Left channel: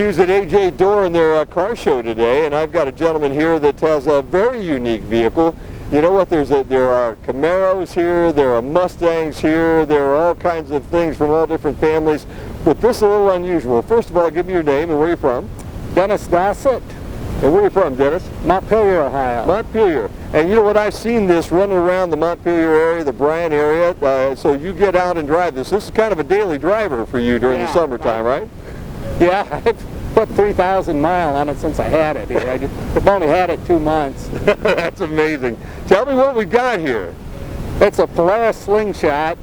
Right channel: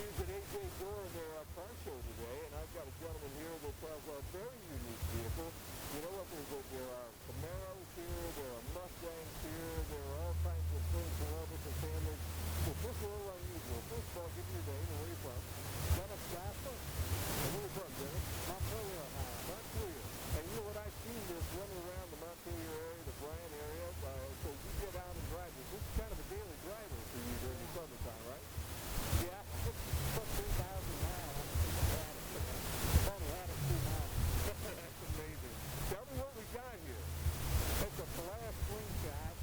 Q's at AJ Door in their car show today, and I've got a gentleman here that has a very unique vehicle. You know what, there are Camaros here, there are Mustangs here, there are all kinds of things from all different families, but this is a little unusual. First of all, give me your name and where you're from. Dennis Dossett. And where are you from, Dennis? Montpelier, Ohio. Montpelier. And you know what, I've seen this running around the Montpelier area, the Bryan area, so you get out and drive this. This is kind of a daily driver for you during the summertime, right? Yeah, I've put 3,000 miles on it since I had it here. I've only had it 2 months. That's amazing. Tell me what we got here. It's a Polaris Slingshot.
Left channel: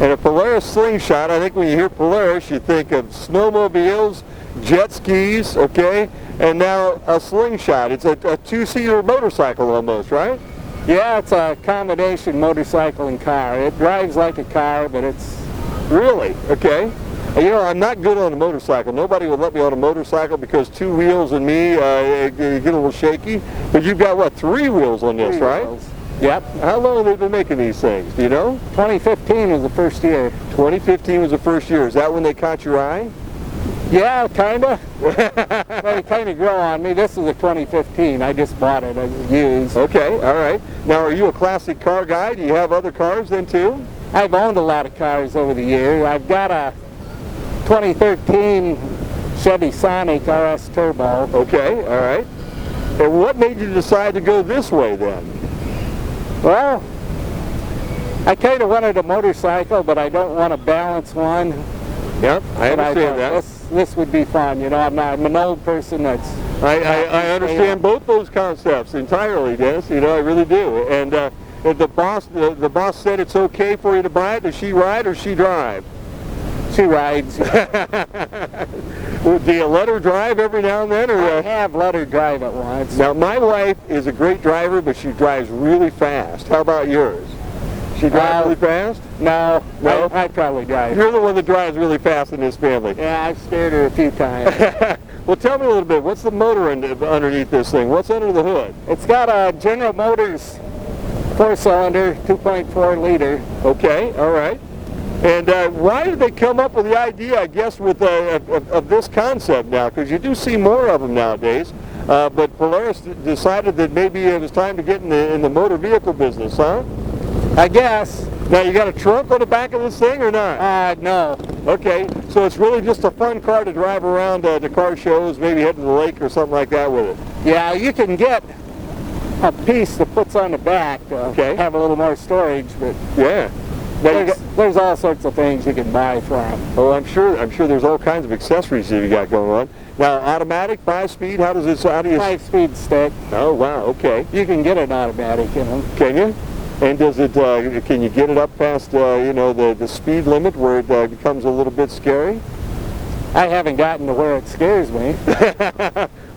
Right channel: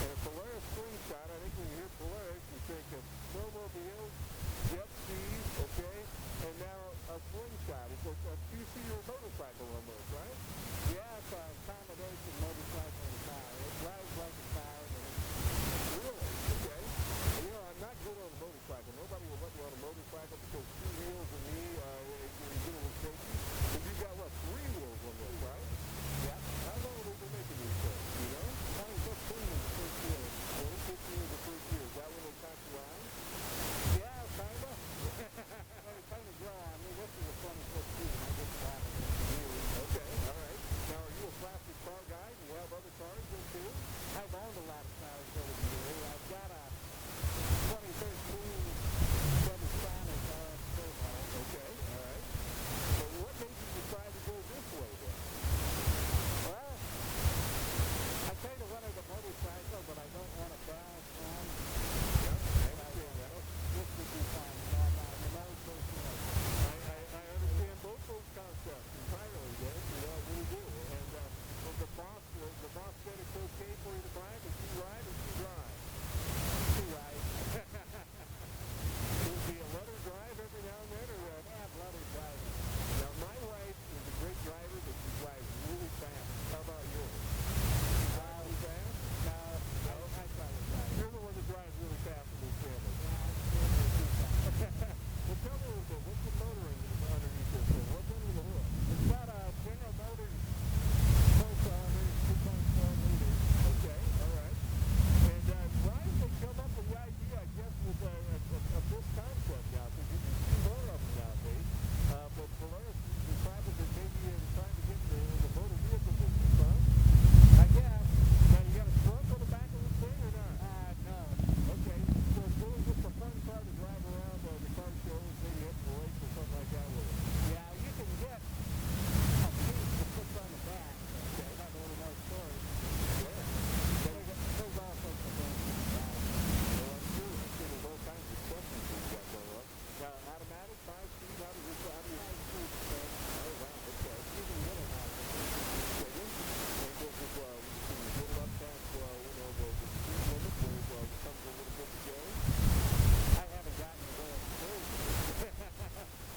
And a Polaris Slingshot, I think when you hear Polaris, you think of snowmobiles, jet skis, okay? And now a Slingshot. It's a two-seater motorcycle almost, right? Yeah, it's a combination motorcycle and car. It drives like a car, but it's... Really? Okay. You know, I'm not good on a motorcycle. Nobody would let me on a motorcycle because 2 wheels and me get a little shaky. But you've got, what, 3 wheels on this, 3 right? wheels. Yep. How long have they been making these things? Do you know? 2015 was the first year. 2015 was the first year. Is that when they caught your eye? Yeah, kind of. They kind of grow on me. This is a 2015. I just bought it as used. Okay, all right. Now, are you a classic car guy? Do you have other cars then, too? I've owned a lot of cars over the years. I've got a 2013 Chevy Sonic RS Turbo. Okay, all right. And what made you decide to go this way then? Well, I kind of wanted a motorcycle, but I don't want to balance one. Yep, I understand that. This would be fun, you know. I'm an old person that's... I understand both those concepts entirely, Dennis. You know, I really do. And the boss said it's okay for you to buy it. Does she ride or she drive? She rides. Do you let her drive every now and then? Or, I have let her drive it once. Now, my wife is a great driver, but she drives really fast. How about yours? She drives really fast? No. I probably drive. You're the one that drives really fast in this family. Yeah, I've scared her a few times. Well, tell me a little bit. What's the motor underneath this thing? What's under the hood? It's got a General Motors 4-cylinder, 2.4 liter. Okay, all right. And why did they come up with the idea, I guess, with of this concept now? Because you do see more of them nowadays. But Polaris decided that maybe it was time to get in the motor vehicle business, huh? I guess. Now, you got a trunk on the back of this thing or not? No. Okay, so it's really just a fun car to drive around to car shows, maybe head to the lake or something like that with it. Yeah, you can get a piece that puts on the back to have a little more storage, but yeah. There's all sorts of things you can buy from. Oh, I'm sure there's all kinds of accessories that you got going on. Now, automatic, 5-speed, how do you... 5-speed stick. Oh, wow, okay. You can get it automatic, you know. Can you? And does it, can you get it up past, you know, the speed limit where it becomes a little bit scary? I haven't gotten to where it scares me.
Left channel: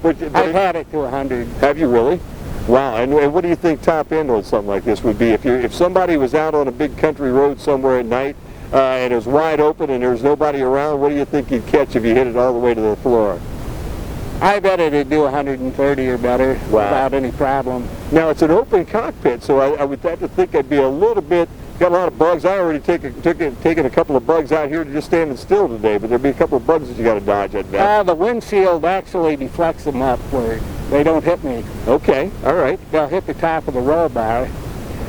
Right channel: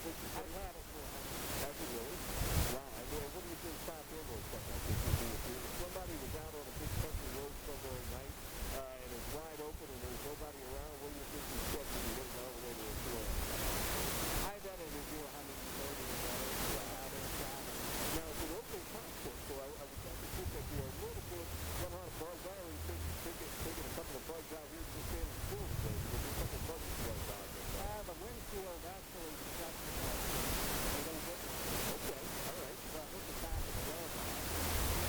but I've had it to 100. Have you really? Wow, and what do you think top end on something like this would be? If somebody was out on a big country road somewhere at night and it was wide open and there was nobody around, what do you think you'd catch if you hit it all the way to the floor? I bet it'd do 130 or better without any problem. Now, it's an open cockpit, so I would have to think I'd be a little bit, got a lot of bugs. I already taken a couple of bugs out here to just standing still today, but there'd be a couple of bugs that you got to dodge at that. The windshield actually deflects them up where they don't hit me. Okay, all right. They'll hit the top of the roll bar.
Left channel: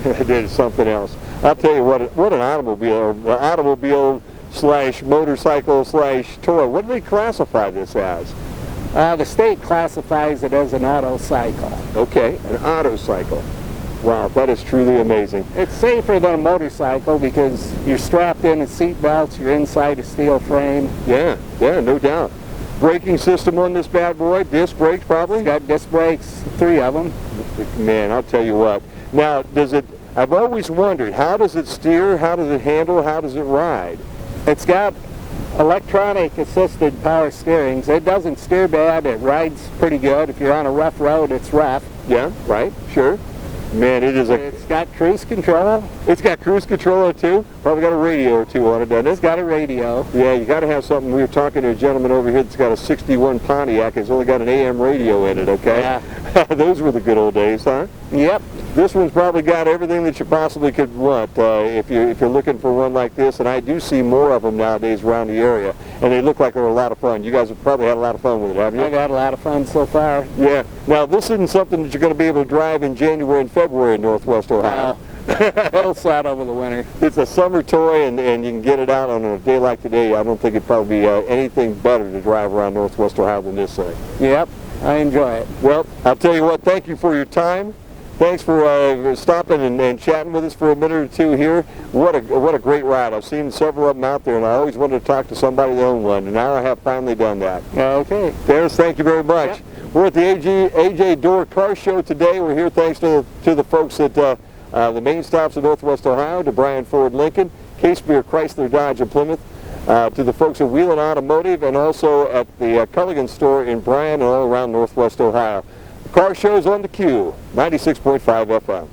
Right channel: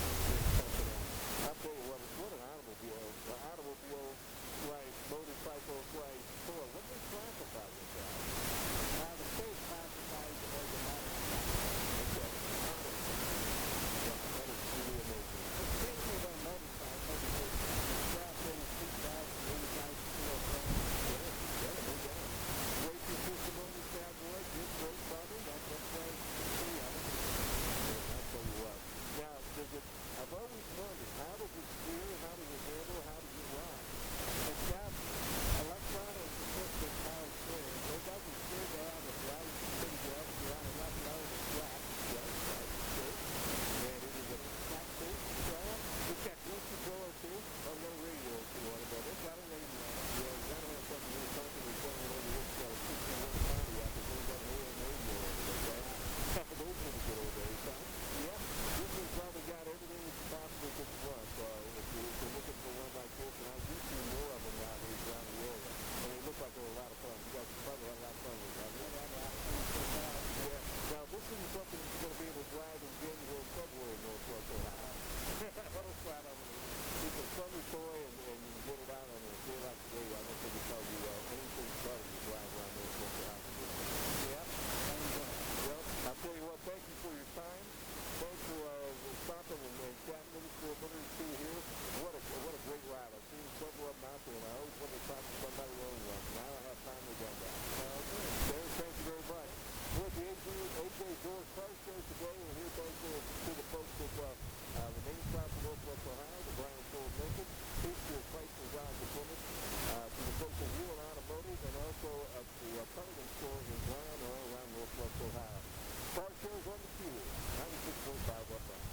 It is something else. I'll tell you what an automobile slash motorcycle slash toy. What do they classify this as? The state classifies it as an autocycle. Okay, an autocycle. Wow, that is truly amazing. It's safer than a motorcycle because you're strapped in with seat belts, you're inside a steel frame. Yeah, no doubt. Braking system on this bad boy, disc brakes probably? It's got disc brakes, 3 of them. Man, I'll tell you what. Now, I've always wondered, how does it steer, how does it handle, how does it ride? It's got electronic assisted power steering. It doesn't steer bad, it rides pretty good. If you're on a rough road, it's rough. Yeah, right, sure. Man, It's got cruise control. It's got cruise control too? Probably got a radio or two on it, doesn't it? It's got a radio. Yeah, you got to have something. We were talking to a gentleman over here that's got a 61 Pontiac. It's only got an AM radio in it, okay? Yeah. Those were the good old days, huh? Yep. This one's probably got everything that you possibly could want if you're looking for one like this, and I do see more of them nowadays around the area, and they look like they're a lot of fun. You guys have probably had a lot of fun with it, haven't you? I've had a lot of fun so far. Yeah. Now, this isn't something that you're going to be able to drive in January and February in Northwest Ohio. It'll slide over the winter. It's a summer toy, and you can get it out on a day like today. I don't think it'd probably be anything better to drive around Northwest Ohio than this thing. Yep, I enjoy it. Well, I'll tell you what, thank you for your time. Thanks for stopping and chatting with us for a minute or two here. What a great ride. I've seen several of them out there, and I always wanted to talk to somebody that owned one, and now I have finally done that. Okay. Dennis, thank you very much. Yep. We're at the AJ Door Car Show today. We're here thanks to the folks at the main stops of Northwest Ohio, to Bryan Ford Lincoln, Case Beer Chrysler Dodge and Plymouth, to the folks at Wheeling Automotive, and also at the Culligan store in Bryan and all around Northwest Ohio. Car shows on the Q, 96.5 FM.